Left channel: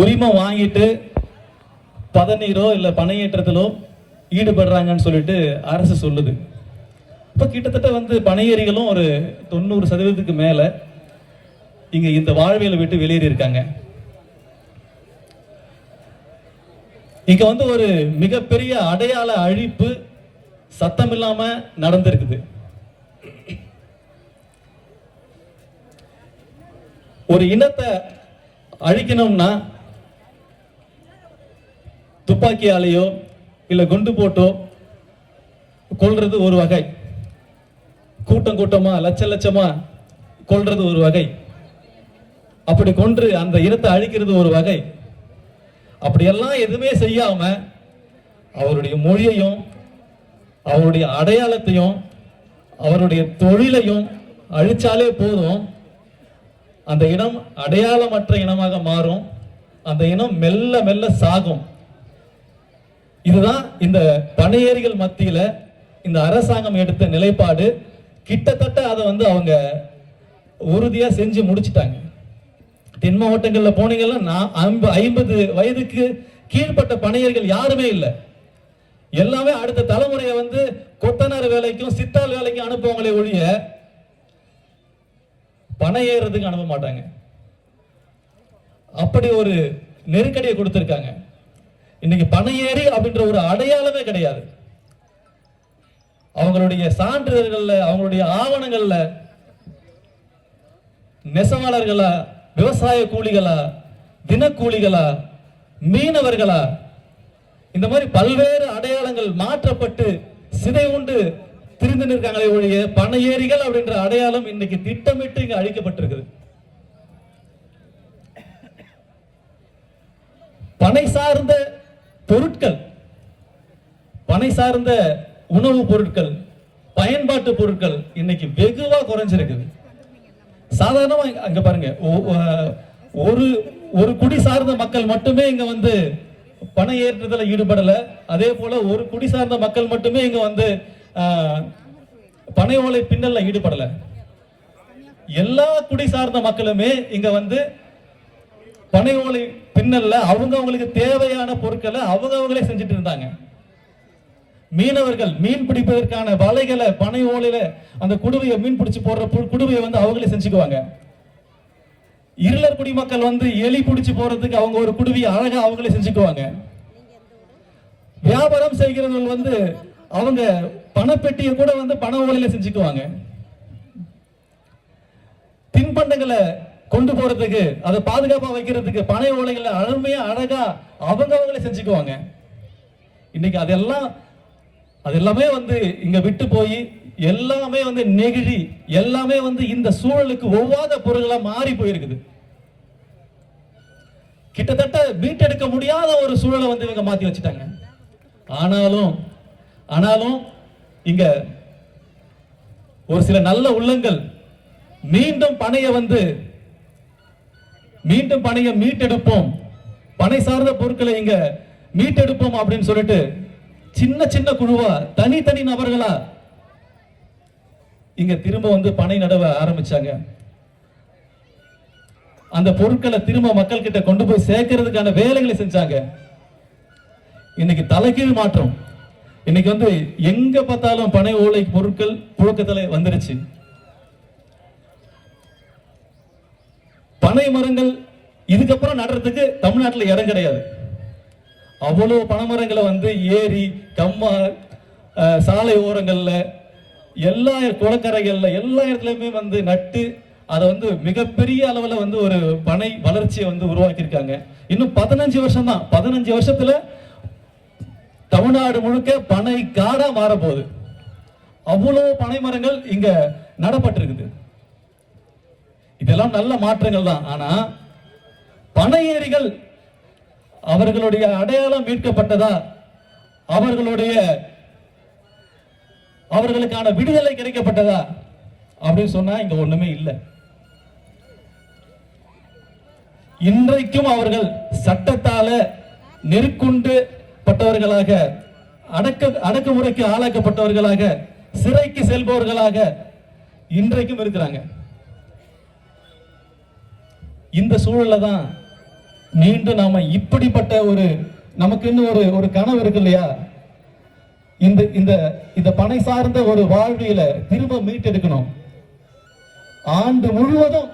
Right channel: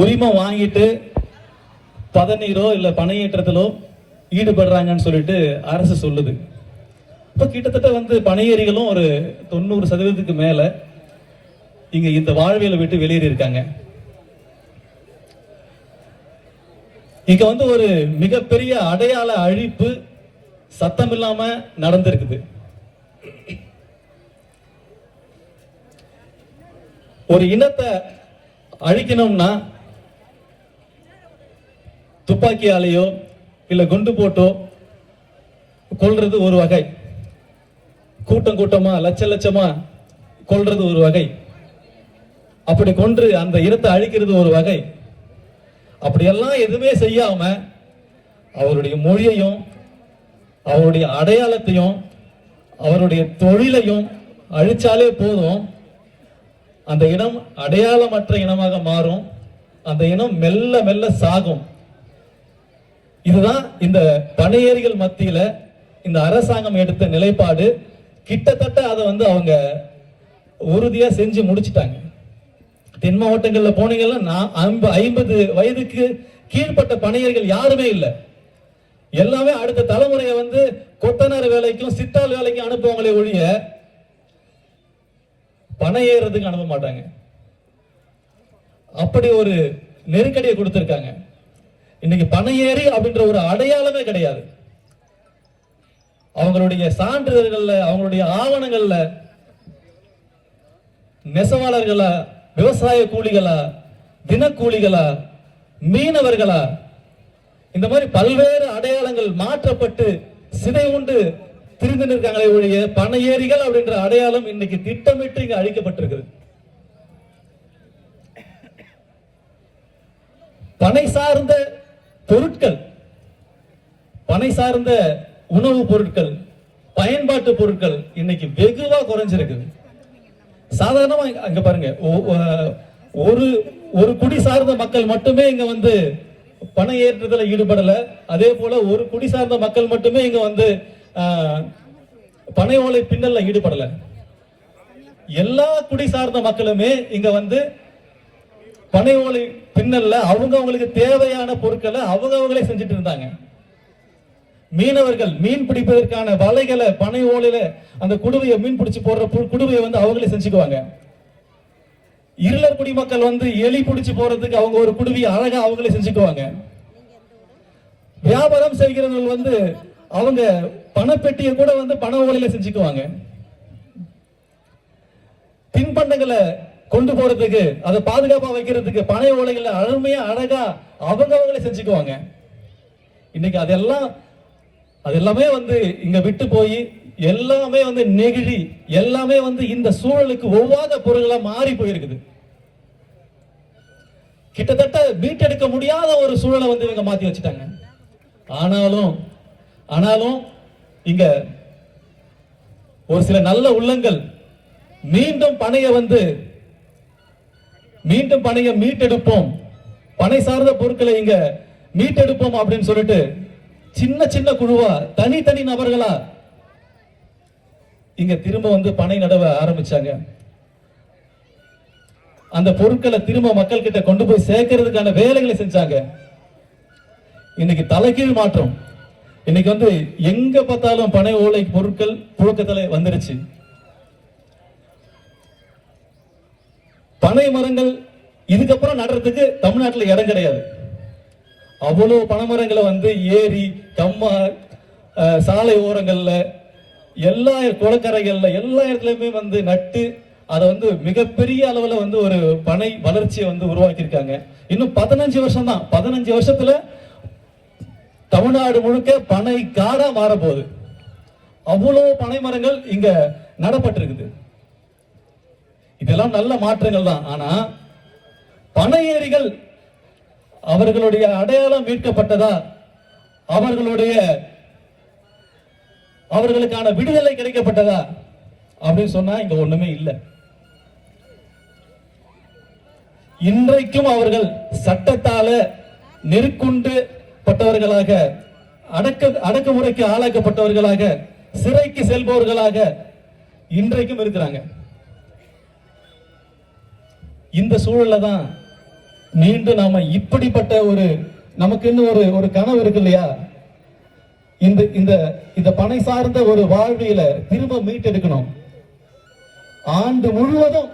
உரிமம் வாங்கிட்டு பதநீரோ இல்லை பனையேற்றத்திலோ ஈடுபடுறாங்கன்னு சொல்லிட்டு அரசு சொல்லுது. இப்போ கிட்டத்தட்ட வந்து பனையேறிகளும் ஒரு தொண்ணூறு சதவீதத்துக்கு மேலே இங்கே இந்த வாழ்வியலை விட்டு வெளியேறி இருக்காங்க. இங்க வந்து ஒரு மிகப்பெரிய அடையாள அழிப்பு சத்தம் இல்லாம நடந்திருக்குது. ஒரு இனத்தை அழிக்கணும்னா துப்பாக்கியாலேயோ இல்லை குண்டு போட்டோ கொள்றது ஒரு வகை. கூட்டம் கூட்டமா லட்ச லட்சமா கொள்றது ஒரு வகை. அப்படி கொன்று அந்த இனத்தை அழிக்கிறது ஒரு வகை. அப்படியெல்லாம் எதுவுமே செய்யாம அவருடைய மொழியையும் அவருடைய அடையாளத்தையும் அவருடைய தொழிலையும் அழிச்சாலே போதும். அந்த இனம் அடையாளமற்ற இனமாக மாறும். அந்த இனம் மெல்ல மெல்ல சாகும். இதுதான் இந்த பனையேறிகள் மத்தியில இந்த அரசாங்கம் எடுத்த நிலைப்பாடு. கிட்டத்தட்ட அதை வந்து அவங்க உறுதியா செஞ்சு முடிச்சிட்டாங்க. தென் மாவட்டங்கள்ல போனீங்கன்னா நான் ஐம்பது வயதுக்கு கீழ்ப்பட்ட பணியர்கள் யாருமே இல்லை. எல்லாமே அடுத்த தலைமுறையை வந்து கொத்தனார் வேலைக்கும் சித்தால் வேலைக்கும் அனுப்புவாங்களே ஒழிய பணம் ஏறுறதுக்கு அனுப்ப மாட்டாங்க. அப்படி ஒரு நெருக்கடியை கொடுத்துருக்காங்க. இன்னைக்கு பணம் ஏறி அப்படின்ற ஒரு அடையாளமே கிடையாது. அவங்களுடைய சான்றிதழ்கள்ல அவங்களுடைய ஆவணங்கள்ல நெசவாளர்களா விவசாய கூலிகளா தினக்கூலிகளா மீனவர்களா இந்த மாதிரி பல்வேறு அடையாளங்கள் மாற்றப்பட்டு சிதை உண்டு திரிந்து நிற்காங்களே ஒழிய பணையேறிகள் அப்படின்ற அடையாளம் இன்னைக்கு திட்டமிட்டு இங்க அழிக்கப்பட்டிருக்குது. பனை சார்ந்த பொருட்கள் பனை சார்ந்த உணவு பொருட்கள் பயன்பாட்டு பொருட்கள் இன்னைக்கு வெகுவா குறைஞ்சிருக்குது. சாதாரணமா அங்க பாருங்க ஒரு ஒரு குடி சார்ந்த மக்கள் மட்டுமே இங்க வந்து பண ஏற்றுதல ஈடுபடல. அதே போல ஒரு குடி சார்ந்த மக்கள் மட்டுமே இங்க வந்து ஆஹ், பனை ஓலை பின்னல்ல ஈடுபடல. எல்லா குடி சார்ந்த மக்களுமே இங்க வந்து பனை ஓலை பின்னல்ல அவங்க அவங்களுக்கு தேவையான பொருட்களை அவங்க அவங்களே செஞ்சுட்டு இருந்தாங்க. மீனவர்கள் மீன் பிடிப்பதற்கான வலைகளை பனை ஓலையில அந்த குடுவையை மீன் பிடிச்சு போடுற பு- குடுவையை வந்து அவங்களே செஞ்சுக்குவாங்க. இருளர் குடிமக்கள் வந்து எலி பிடிச்சு போறதுக்கு அவங்க ஒரு குடுவையை அழகா அவங்களே செஞ்சுக்குவாங்க. வியாபாரம் செய்கிறவர்கள் வந்து அவங்க பணப்பெட்டியை கூட வந்து பண ஓலையில செஞ்சுக்குவாங்க. தின்பண்டங்களை கொண்டு போறதுக்கு அதை பாதுகாப்பா வைக்கிறதுக்கு பனை ஓலைகளை அழமையா அழகா அவங்க அவங்களே செஞ்சுக்குவாங்க. இன்னைக்கு அதெல்லாம் அது எல்லாமே வந்து இங்க விட்டு போய் எல்லாமே வந்து நெகிழி எல்லாமே வந்து இந்த சூழலுக்கு ஒவ்வாத பொருள்களா மாறி போயிருக்குது. கிட்டத்தட்ட மீட்டெடுக்க முடியாத ஒரு சூழலை வந்து இவங்க மாத்தி வச்சுட்டாங்க. ஆனாலும் ஆனாலும் இங்க ஒரு சில நல்ல உள்ளங்கள் மீண்டும் பணைய வந்து மீண்டும் பணையை மீட்டெடுப்போம். பனை சார்ந்த பொருட்களை இங்க மீட்டெடுப்போம் அப்படின்னு சொல்லிட்டு சின்ன சின்ன குழுவா தனித்தனி நபர்களா இங்க திரும்ப வந்து பனை நடவ ஆரம்பிச்சாங்க. அந்த பொருட்களை திரும்ப மக்கள் கிட்ட கொண்டு போய் சேர்க்கறதுக்கான வேலைகளை செஞ்சாங்க. இன்னைக்கு தலைகீழ் மாற்றம். இன்னைக்கு வந்து எங்க பார்த்தாலும் பனை ஓலை பொருட்கள் புழக்கத்துல வந்துருச்சு. பனை மரங்கள் இதுக்கப்புறம் நடுறதுக்கு தமிழ்நாட்டில் இடம் கிடையாது. அவ்வளோ பனைமரங்களை வந்து ஏரி கம்மா சாலை ஓரங்களில் எல்லா குளக்கரைகளில் எல்லா இடத்துலையுமே வந்து நட்டு அதை வந்து மிகப்பெரிய அளவில் வந்து ஒரு பனை வளர்ச்சியை வந்து உருவாக்கியிருக்காங்க. இன்னும் பதினஞ்சு வருஷம் தான் பதினஞ்சு வருஷத்துல தமிழ்நாடு முழுக்க பனை காடா மாற போகுது பனை மரங்கள் இங்க நடப்பட்டிருக்குது. இதெல்லாம் நல்ல மாற்றங்கள் தான். ஆனா பனையேறிகள் அவர்களுடைய அடையாளம் மீட்கப்பட்டதா? அவர்களுடைய அவர்களுக்கான விடுதலை கிடைக்கப்பட்டதா? அப்படின்னு சொன்னா இங்க ஒண்ணுமே இல்லை. இன்றைக்கும் அவர்கள் சட்டத்தால நெருக்குண்டு பட்டவர்களாக அடக்க அடக்குமுறைக்கு ஆளாக்கப்பட்டவர்களாக சிறைக்கு செல்பவர்களாக இன்றைக்கும் இருக்கிறாங்க. இந்த சூழல்ல தான் மீண்டும் நாம இப்படிப்பட்ட ஒரு நமக்குன்னு ஒரு ஒரு கனவு இருக்கு இல்லையா? இந்த இந்த இந்த பனை சார்ந்த ஒரு வாழ்வியல திரும்ப மீட்டெடுக்கணும். ஆண்டு முழுவதும்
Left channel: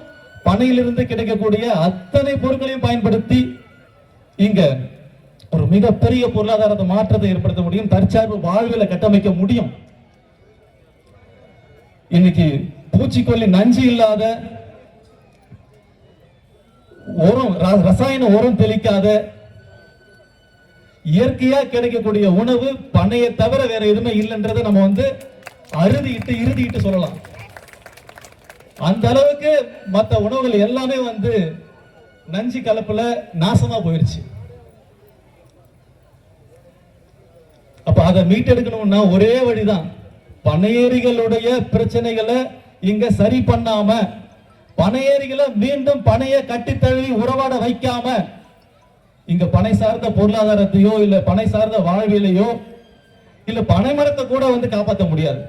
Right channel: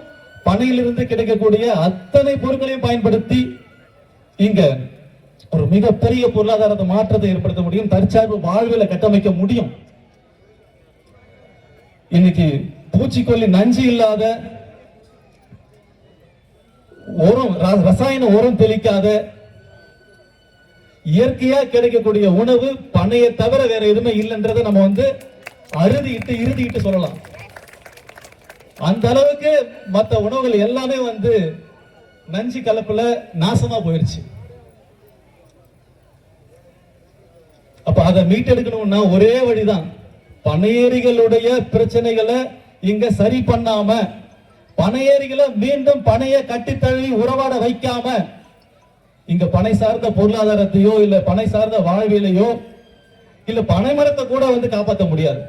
பனையிலிருந்து கிடைக்கக்கூடிய அத்தனை பொருட்களையும் பயன்படுத்தி இங்க ஒரு மிகப்பெரிய பொருளாதாரத்தை மாற்றத்தை ஏற்படுத்த முடியும் தற்சார்பு வாழ்வியல கட்டமைக்க முடியும். இன்னைக்கு பூச்சிக்கொல்லி நஞ்சு இல்லாத ரசாயன உரம் தெளிக்காத இயற்கையா கிடைக்கக்கூடிய உணவு பனையை தவிர வேற எதுவுமே இல்லைன்றதை நம்ம வந்து அறுதிட்டு இறுதிட்டு சொல்லலாம். அந்த அளவுக்கு மத்த உணவுகள் எல்லாமே வந்து நஞ்சு கலப்புல நாசமா போயிருச்சு. அப்ப அதை மீட்டெடுக்கணும்னா ஒரே வழிதான். பனையேறிகளுடைய பிரச்சனைகளை இங்க சரி பண்ணாம பனையேரிகளை மீண்டும் பனையை கட்டித்தள்ளி உறவாட வைக்காம இங்க பனை சார்ந்த பொருளாதாரத்தையோ இல்ல பனை சார்ந்த வாழ்விலையோ இல்ல பனை மரத்தை கூட வந்து காப்பாற்ற முடியாது.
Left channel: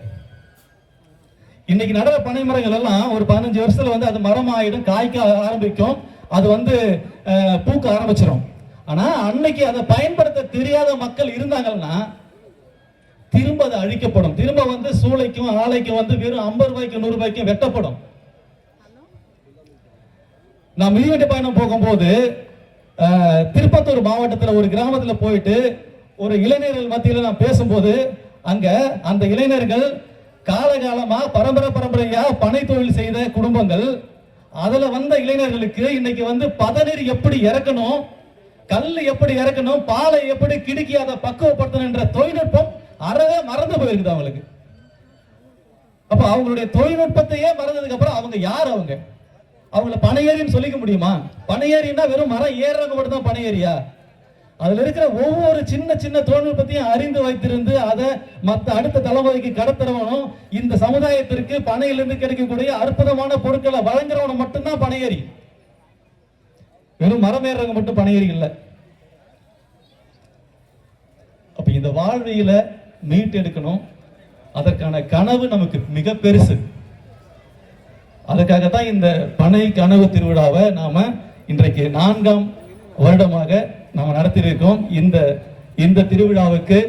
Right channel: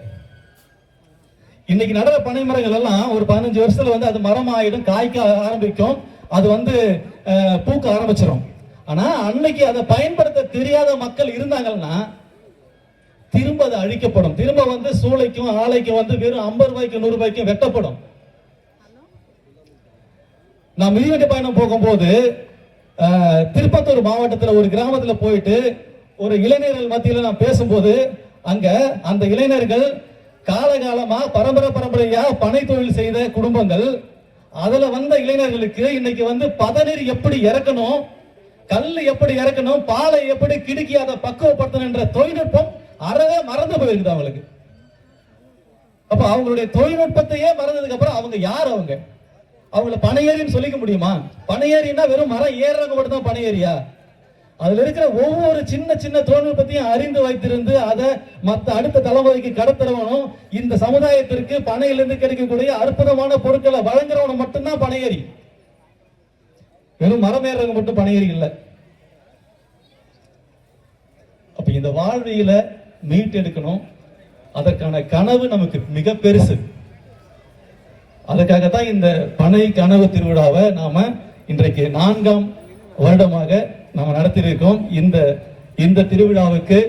இன்னைக்கு நடந்த பனைமரங்கள் எல்லாம் ஒரு பதினஞ்சு வருஷத்துல வந்து அது மரம் ஆயிடும் காய்க்க ஆரம்பிக்கும். அது வந்து பூக்க ஆரம்பிச்சிடும் ஆனா அன்னைக்கு அதை பயன்படுத்த தெரியாத மக்கள் இருந்தாங்கன்னா திரும்ப அது அழிக்கப்படும். திரும்ப வந்து சூளைக்கும் ஆலைக்கும் வந்து வெறும் ஐம்பது ரூபாய்க்கு நூறு ரூபாய்க்கும் வெட்டப்படும். நான் மிதிவெட்டி பயணம் போகும்போது திருப்பத்தூர் மாவட்டத்தில் ஒரு கிராமத்தில் போயிட்டு ஒரு இளைஞர்கள் மத்தியில் நான் பேசும்போது அங்க அந்த இளைஞர்கள் காலகாலமா பரம்பரை பரம்பரையா பனை தொழில் செய்த குடும்பங்கள் அதுல வந்த இளைஞர்களுக்கு இன்னைக்கு வந்து பதநீர் எப்படி இறக்கணும் கல் எப்படி இறக்கணும் பாலை எப்படி கிடுக்கி அதை பக்குவப்படுத்தணுன்ற தொழில்நுட்பம் அறவே மறந்து போயிருக்குது அவங்களுக்கு. அப்ப அவங்களுடைய தொழில்நுட்பத்தையே மறந்ததுக்கு அப்புறம் அவங்க யார் அவங்க? அவங்கள பனையேறின்னு சொல்லிக்க முடியுமா? பனையேறின்னா வெறும் மரம் ஏறுறவங்க மட்டும் தான் பனையேறியா அதுல இருக்கிற ஒவ்வொரு சின்ன சின்ன தொழில்நுட்பத்தையும் அறிந்து வைத்திருந்து அதை மத்த அடுத்த தலைமுறைக்கு கடத்துறவனும் இந்த சமுதாயத்திற்கு பனையிலிருந்து கிடைக்கக்கூடிய அற்புதமான பொருட்களை வழங்குறவனும் மட்டும்தான் பனையேறி வெறும் மரம் ஏறுறவங்க மட்டும் பனையேறி இல்லை. அப்ப இந்த வாழ்வியல மீட்டெடுக்கணும். அதற்கான கனவு நமக்கு மிக பெருசு. அதுக்காகத்தான் இந்த பனை கனவு திருவிழாவை நாம இன்றைக்கு நான்காம் வருடமாக நாம நடத்தியிருக்கோம். இந்த இந்த திருவிழாவுக்கு